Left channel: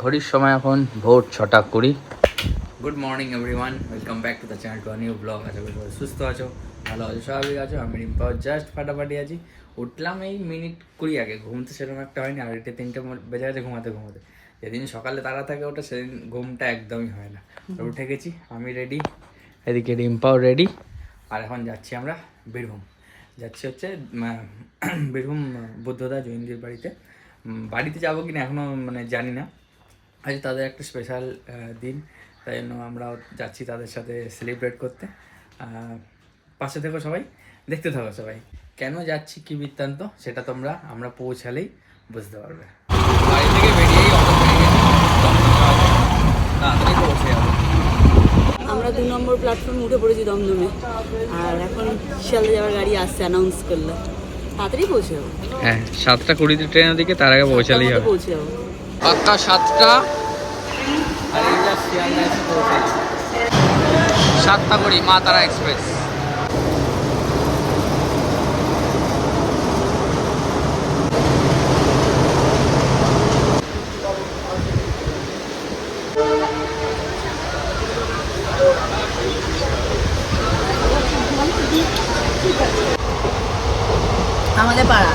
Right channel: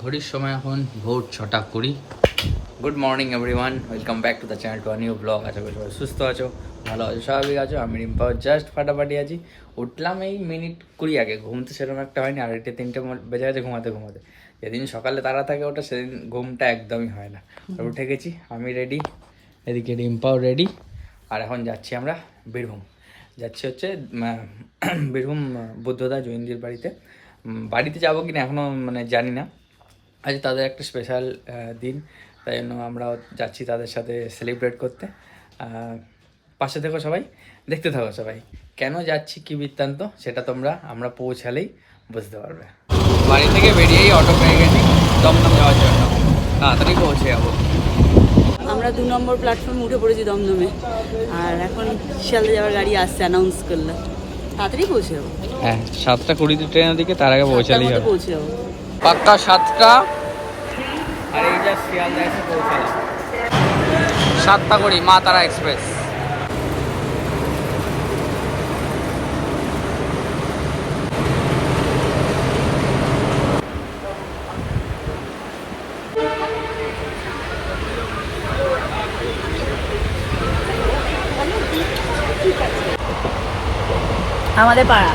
ঘড়ির সময় এখন ভোর ছটা কুড়ি। Good morning everyone welcome back to the channel to new blog আশা সবাই সুস্থ আছো, ভালো আছো, স্বাভাবিক আছো। আমি রিম্পাও জাস্ট ফাটাফাটি আছি। উঠলাম এই মিনিট কুড়ি আগে ঘুমতে সেরকম একটা হয়নি আড়াইটে তিনটে বেজে গেছে ঘুমাতে ঘুমাতে। যেদিন সকালে তারা থাকে ওটা সেদিন ঘুমটা একদমই হয় না। আর উঠে গেছি, আমি রেডি এদিকে রিম্পাও রেডি আর এখন যাচ্ছি আমরা বীরভূম। যাচ্ছি হচ্ছে বীরভূম বুদ্ধদা জৈনদির বাড়িতে। বাড়িতে যাব কি না এখনও মানে জানি না। আজ তাদের একটা স্পেশাল দিন। তাই জন্য আমরাও যাচ্ছি তাদের সাথে সেলিব্রেট করতে। পাশে থেকো সবাই দেখতে থাকো সবাই। কেন যাচ্ছি কি বৃত্তান্ত সেটা তোমরা আমরা পৌঁছালেই বুঝতে পারবে। বাড়ি থেকে বেরিয়েই অটো পেয়ে গেছি। দমদম যাওয়ার জন্য। তাড়াতাড়ি পৌঁছে যাব। আমরা দু নম্বর প্ল্যাটফর্ম উঠে পড়েছি দমদমে। আর এখন শিয়ালদা যাওয়ার গাড়ি আসছে অ্যানাউন্স করল। তাড়াতাড়ি পৌঁছে যাব। হ্যাঁ সাতটা কুড়িতে ট্রেনের দিকে তার আগে পৌঁছালেই হবে। পৌঁছে যাব। পাক্কা সাতটা। আর এই যা শিয়ালদা এসে মা তারা এক্সপ্রেস। আমাদের পাড়া।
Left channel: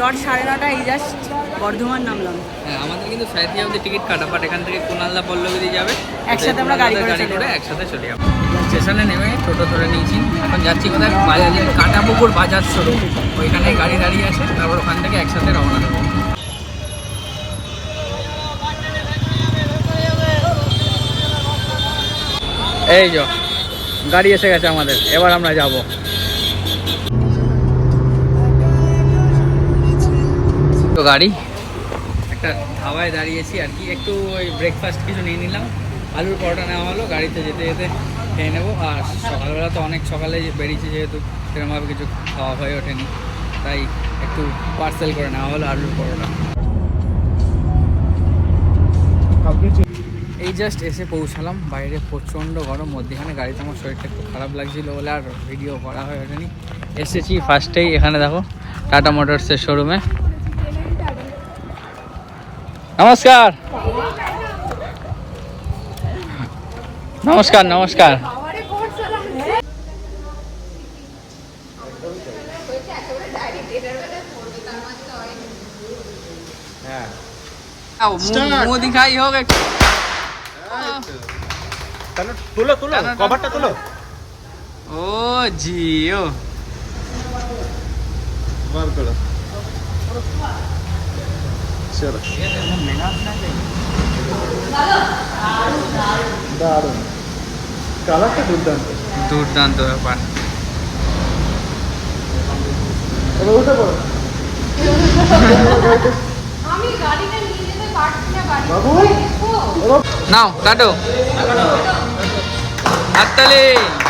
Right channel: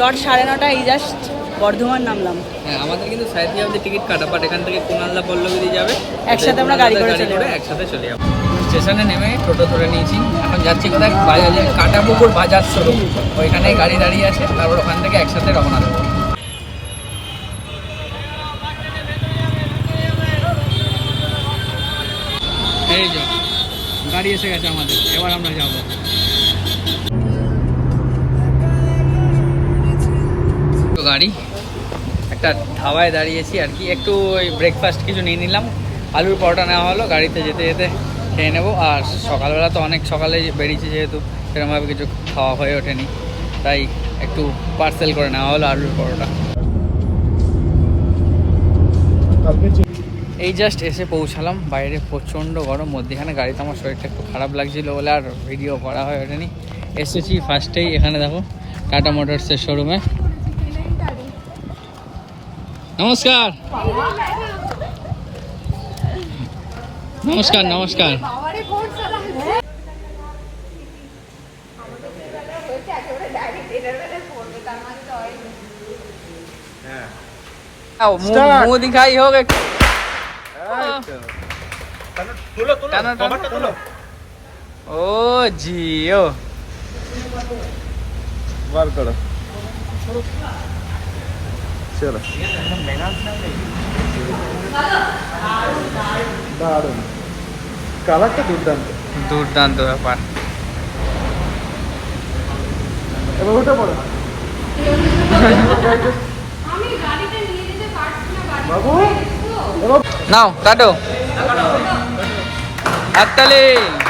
ডট সাড়ে নটা এই জাস্ট বর্ধমান নামলাম। হ্যাঁ আমাদের কিন্তু সাইড অব্দি টিকিট কাটা বাট এখান থেকে কুনালদা পল্লবী যাবে। একসাথে আমরা গাড়ি করে চলে একসাথে চলে যাব। স্টেশনে নেমে টোটো ধরে নিয়েছি। এখন যাচ্ছি কোথায়? বাজার কাটাপুকুর বাজার শোরুম। ওইখানে গাড়ি দাঁড়িয়ে আছে। তারপর ওখান থেকে একসাথে রওনা দেবো। এই যো গাড়ি এসে গেছে আমাদের। এবার আমরা যাব। গাড়ি। একটা ধাবায় দাঁড়িয়েছি আর কি। একটু ওই ব্রেকফাস্ট কিছু নিয়ে নিলাম। আলুর পরোটা নেওয়া হলো, গাড়িতে যেতে যেতে খেয়ে নেব। আর সকালবেলা তো অনেক সকালে বেরিয়েছি যেহেতু, সেরকমভাবে কিছু খাওয়া হয়ে ওঠেনি। তাই একটু পার্সেল করে নেওয়া হলো আলুর পরোটা। এই জাস্ট এসে পৌঁছালাম। বাইরে প্রচণ্ড গরম, মধ্যেখানে গাড়িতে আমার শরীরটা একটু খারাপ লাগছিল বলে আর ভিডিও করা হয়ে ওঠেনি। এসেছি ফার্স্টেই এখানে দেখো টাটা মোটরসের শোরুমে নমস্কার। নমস্কার নমস্কার। হ্যাঁ, মুখ দিখাই হোক ও Jio. terceira. Dado. Caraca, Dudando. Dudando, rapaz. Eu vou jogar. Não, cadê? Atalei!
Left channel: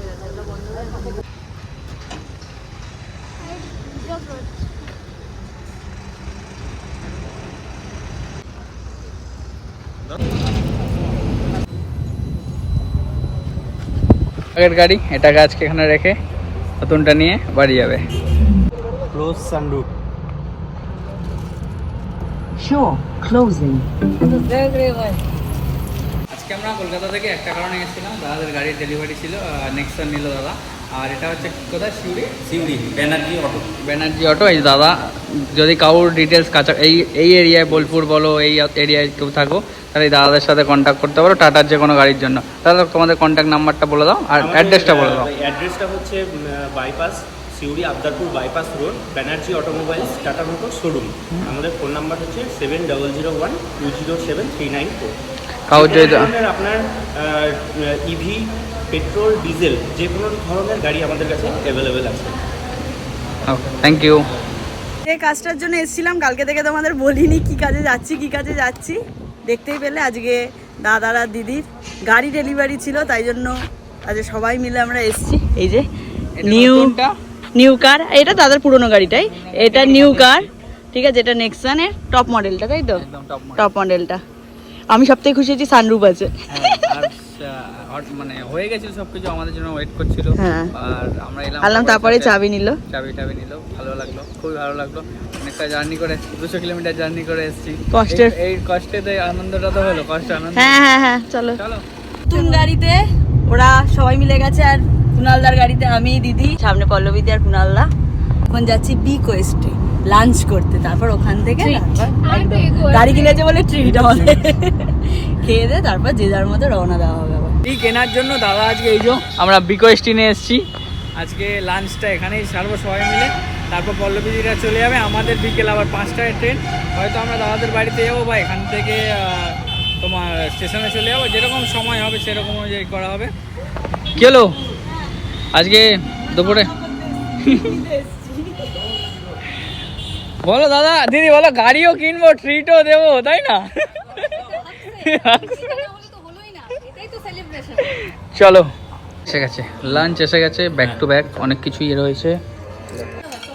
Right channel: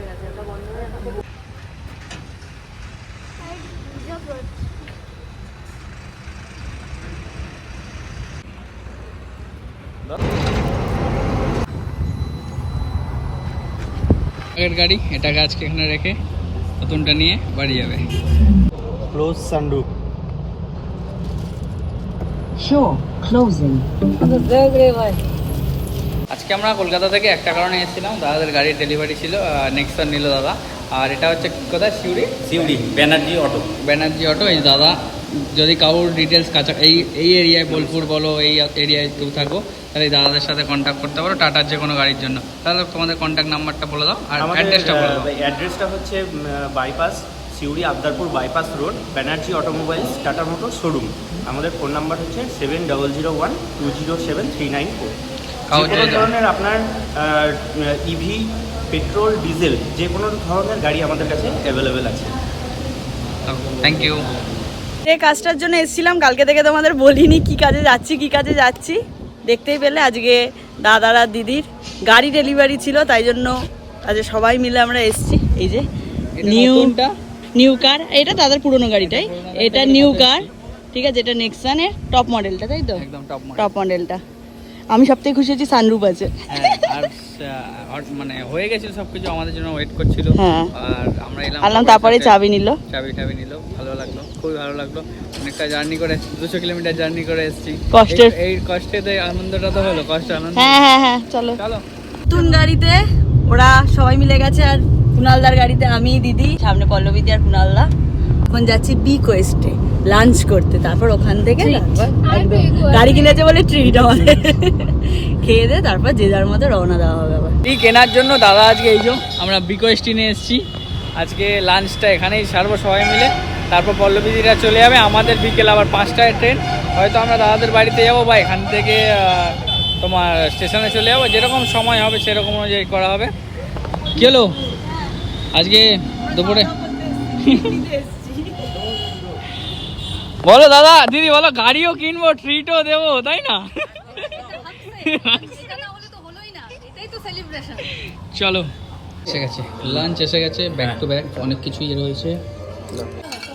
আগের গাড়ি এটাকে আজকে এখানে রেখে নতুনটা নিয়ে বাড়ি যাবে। Close sunroof. আজকে আমরা কলকাতা থেকে একটা কারণে এসেছিলাম দাদাদের গাড়ির ডেলিভারি ছিল নেক্সট নিল দাদা। আর এটা হচ্ছে কোথায়? সিউড়ি? সিউড়ি ব্যানার্জি অটো ব্যানার্জি অটো এই দাদা যদি কারোর ডিটেলস কাছা এই এই এরিয়ায় বোলপুর বলো এই এরিয়ায় কেউ থাকো তাহলে এই দাদাদের সাথে কন্ট্যাক্ট করতে পারো টাটার যে কোনো গাড়ির জন্য। তাহলে তোমাদের কন্ট্যাক্ট নাম্বারটা বলে দাও আর অ্যাড্রেসটা বলে দাও। অ্যাড্রেসটা হচ্ছে bypass Suri Abdarpur bypass road Banerjee automobiles Tata motor showroom আমাদের ফোন নাম্বার হচ্ছে seven double zero one two zero seven three nine four আপনার ইভি পেট্রোল ডিজেল যে কোনো ধরনের গাড়ি আমাদের কাছে অ্যাভেলেবেল আছে। থ্যাংক ইউ এই কাজটার জন্য এসেছিলাম কালকে থেকে তোমাদের বলিনি কি কাজে যাচ্ছি কি কাজে যাচ্ছি। দেখতেই পেলে আজকে দাদার আর দিদির গাড়ি ডেলিভারি ছিল তাই জন্য আজকে সবাই মিলে আমরা এসেছি। এই যে নিউ নিউ কার এটা দাদার পুরনো গাড়িটাই এটা নিউ কার ঠিক আছে এটা নেক্সানের টপ মডেলটা তাই তো? টপ টপ মডেলটা আমি সবথেকে খুশি হচ্ছি সানরুফ আছে। আহ, মানে হয়ে গেছিল সবকিছু আমাদের জন্য ওয়েট করছিল। হ্যাঁ। আর আমরা এলাম আনলাম তারপরে চাবি নিল। চাবি টাবি নিল ভালো লাগল খুবই ভালো লাগল। অনেকটা জার্নি করে দুশো কিলোমিটার জার্নি করে এসেছি। কষ্টের- এই- কষ্টেতে আনন্দটা তো হলো কষ্ট আনন্দ। হ্যাঁ হ্যাঁ হ্যাঁ চলো। চলো। নতুন গাড়িতে ওরা সবাই মিলে গেছে আর কুনালদার গাড়িতে আমি দিদি সামনে পল্লবীদি আর কুনালদা এখন যাচ্ছি বি কোয়েস্টে লাঞ্চ করতে। তারপর ওখান থেকে গাড়ি কিনেছে বলে ট্রিট আমাদের খেয়ে দে, তারপর যে যার মধ্যে রওনা দেওয়া হবে আবার। এই কেনার জন্য দাদা আজকে এই যে আমরা বিকোয়েস্টি নিয়ে এসেছি। আজকে লাঞ্চটা এখানেই সারবো সবাই মিলে। তারপর পল্লবীদিরা চলে যাবে, আমাদের বিকেল আবার পাঁচটায় ট্রেন। হয়তো আমরা দাদাদের বাড়িতে যাব বা এখান থেকে তোমার স্টেশনে চলে যাব। যেরকম সময় হবে, সেরকম অনুযায়ী করা হবে। কি হলো? আজকে দুপুরে? বলো দাদা, দিদি বলো, গাড়িও কিনবো ট্রিটও দেবো, তাই না? চলো। এসে গেছে। লাঞ্চ এসে গেছে ব্যাক টু ব্যাক অনেক কিছুই রয়েছে।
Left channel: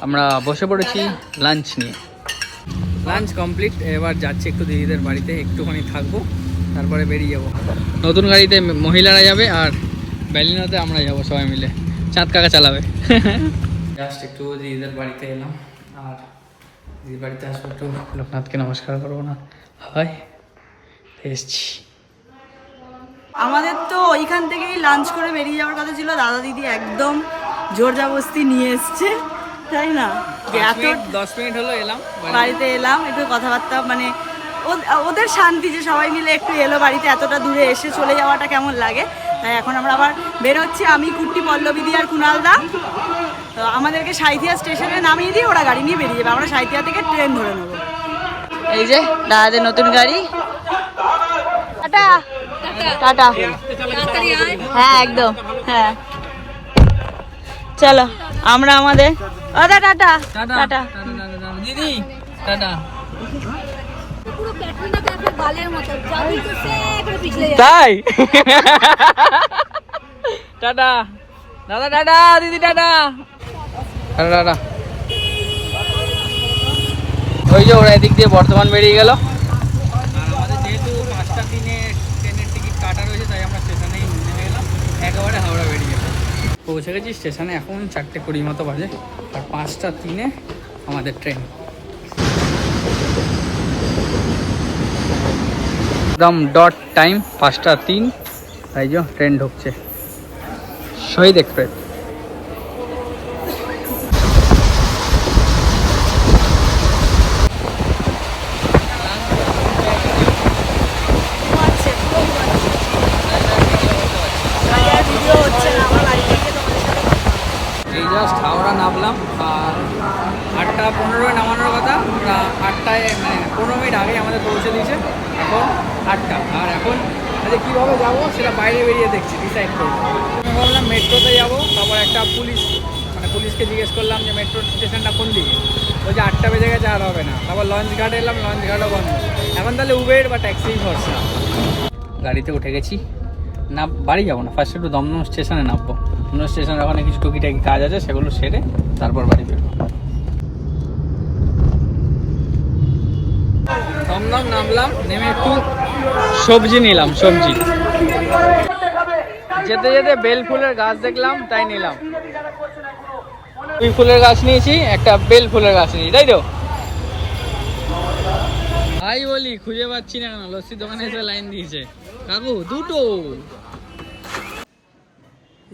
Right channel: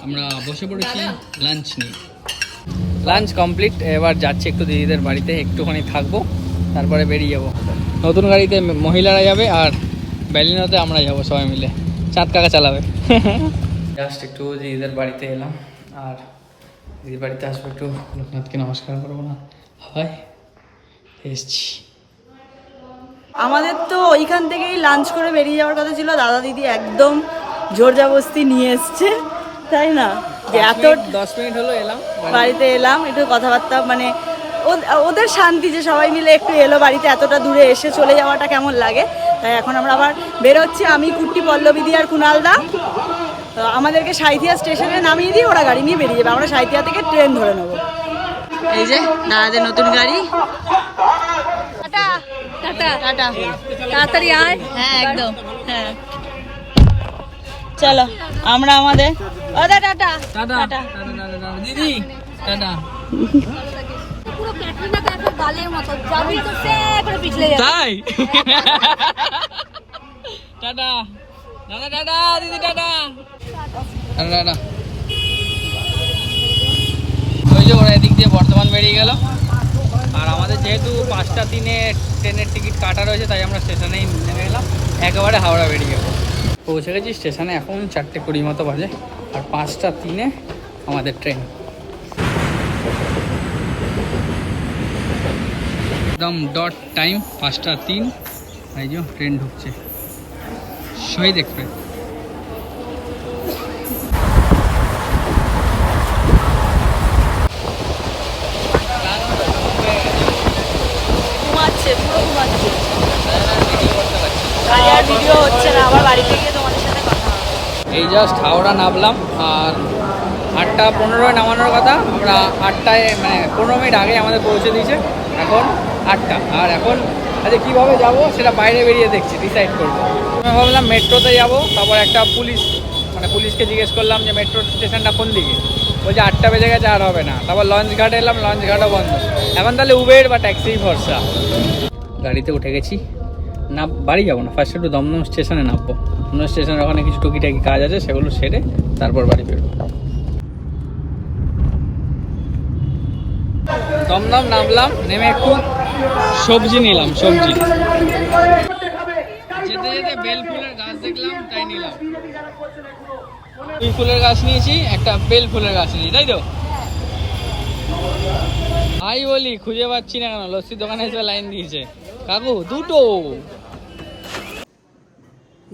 আমরা বসে পড়েছি লাঞ্চ নিয়ে। লাঞ্চ কমপ্লিট এবার যাচ্ছি একটু দিদিদের বাড়িতে, একটুখানি থাকব, তারপরে বেরিয়ে যাব। নতুন গাড়িতে মহিলারা যাবে আর ব্যালিনোতে আমরা যাব সবাই মিলে। চাঁদ কাকা চালাবে। জাস্ট একটু দিদিদের বাড়িতে এলাম, আর দিদির বাড়িতে আসব একটু লোকনাথকে নমস্কার করব না। হয় এসছি। আমাদের তো ওইখান থেকেই লাঞ্চ করে বেরিয়ে যাওয়ার কথা ছিল দাদা দিদি একদম জোর জাবস্তি নিয়ে এসছে তাই না? এত দশ মিনিট হলো এলাম বাড়িতে এলাম একটু কথাবার্তা মানে ওদের শান্তি যে সবাই মিলে একটু এলো বাড়িতে এতটা দূরে এসে চলে যাওয়াটা কেমন লাগে? তাই এখন আমরা আবার বেরোচ্ছি আমি কুট্টি পল্লবীদি আর কুনালদা তো আমাদেরকে সাইথিয়া স্টেশনে নামিয়ে দিয়ে ওরা গাড়ি নিয়ে বেরিয়ে যাবে আমরা সাইথিয়া থেকে ট্রেন ধরে নেব। এই যে দাদাদের নতুন গাড়ি। টাটা। হ্যাঁ একদম। হ্যাঁ। চলো আমরা আমাদের ও দা টাটা। টাটা। দিদি টাটা। তাই? টাটা। দাদা টাটা। দিদি টাটা। Tata tata. ওই যে ওরা এদিক দিয়ে বর্ধমান বেরিয়ে গেল। যেহেতু পাঁচটা দিনে ট্রেনের টিকিট কাটা রয়েছে, তাই আমরা স্টেশনেই নেমে এলাম। একেবারে হাওড়া বেরিয়ে পৌঁছে গেছি স্টেশনে এখন চারটে কুড়ি মতো বাজে, আর পাঁচটা তিনে আমাদের ট্রেন। একদম ডট টাইম পাঁচটা তিন, তাই যে ট্রেন ঢুকছে। শহীদ এক্সপ্রেস। এই জাস্ট হাওড়া নামলাম, আর আটটা পনেরোয় নামানোর কথা, আমরা আটটায় মানে পনেরো মিনিট আগে আমাদের পৌঁছে দিয়েছে, এখন আটটা। আর এখন আচ্ছা কীভাবে যাব সেটা বাইরে বেরিয়ে দেখছি ডিসাইড করব। আমি ভাবলাম মেট্রোতে যাব, তারপর একটা পুলিশ মানে পুলিশকে জিজ্ঞেস করলাম যে মেট্রো স্টেশনটা কোন দিকে? বলছে আটটা বেজে গেছে, আর হবে না। তারপর লঞ্চ ঘাটে এলাম লঞ্চ ঘাটও বন্ধ। এখন তাহলে উবের বা ট্যাক্সি ভরসা। গাড়িতে উঠে গেছি। না বাড়ি যাব না। ফার্স্ট একটু দমদম স্টেশনে নামবো। দমদম স্টেশনে ওখানে কিছু টুকিটাকি কাজ আছে, সেগুলো সেরে তারপর বাড়ি বেরোবো। দমদম নামলাম, নেমে একটু সবজি নিলাম, সবজি। যেতে যেতে বেল ফুলের গাছ দেখলাম, তাই নিলাম। দুই ফুলের গাছ নিয়েছি, একটা বেল ফুলের গাছ নিয়েছি, তাই তো? ভাই বলি, খুঁজে পাচ্ছি না কেন? লস্যির দোকানে এসে লাইন দিয়েছে। কাকু, দুটো।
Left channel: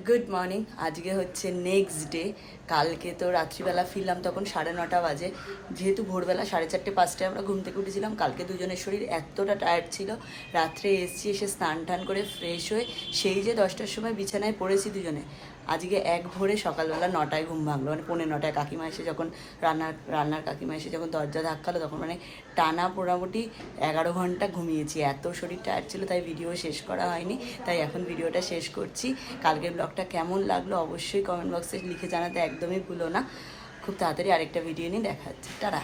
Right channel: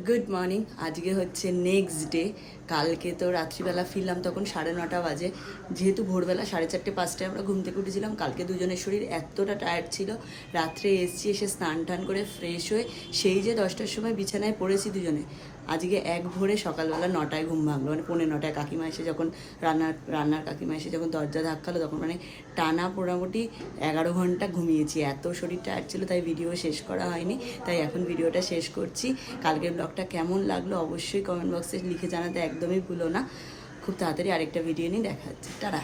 গুড মর্নিং আজকে হচ্ছে নেক্সট ডে কালকে তো রাত্রিবেলা ফিরলাম তখন সাড়ে নটা বাজে। যেহেতু ভোরবেলা সাড়ে চারটে, পাঁচটায় আমরা ঘুম থেকে উঠেছিলাম, কালকে দুজনের শরীর এতটা টায়ার্ড ছিল। রাত্রে এসছি, এসে স্নান টান করে ফ্রেশ হয়ে সেই যে দশটার সময় বিছানায় পড়েছি দুজনে। আজকে এক ভোরে সকালবেলা নটায় ঘুম ভাঙলো। মানে পৌনে নটায় কাকিমা এসে যখন রান্নার রান্নার কাকিমা এসে যখন দরজা ধাক্কালো তখন মানে টানা মোটামুটি এগারো ঘণ্টা ঘুমিয়েছি। এত শরীর টায়ার্ড ছিল তাই ভিডিও শেষ করা হয়নি। তাই এখন ভিডিওটা শেষ করছি। কালকের ব্লগটা কেমন লাগল অবশ্যই কমেন্ট বক্সে লিখে জানাতে একদমই ভুলো না। খুব তাড়াতাড়ি আরেকটা ভিডিও নিয়ে দেখা হচ্ছে। টাটা।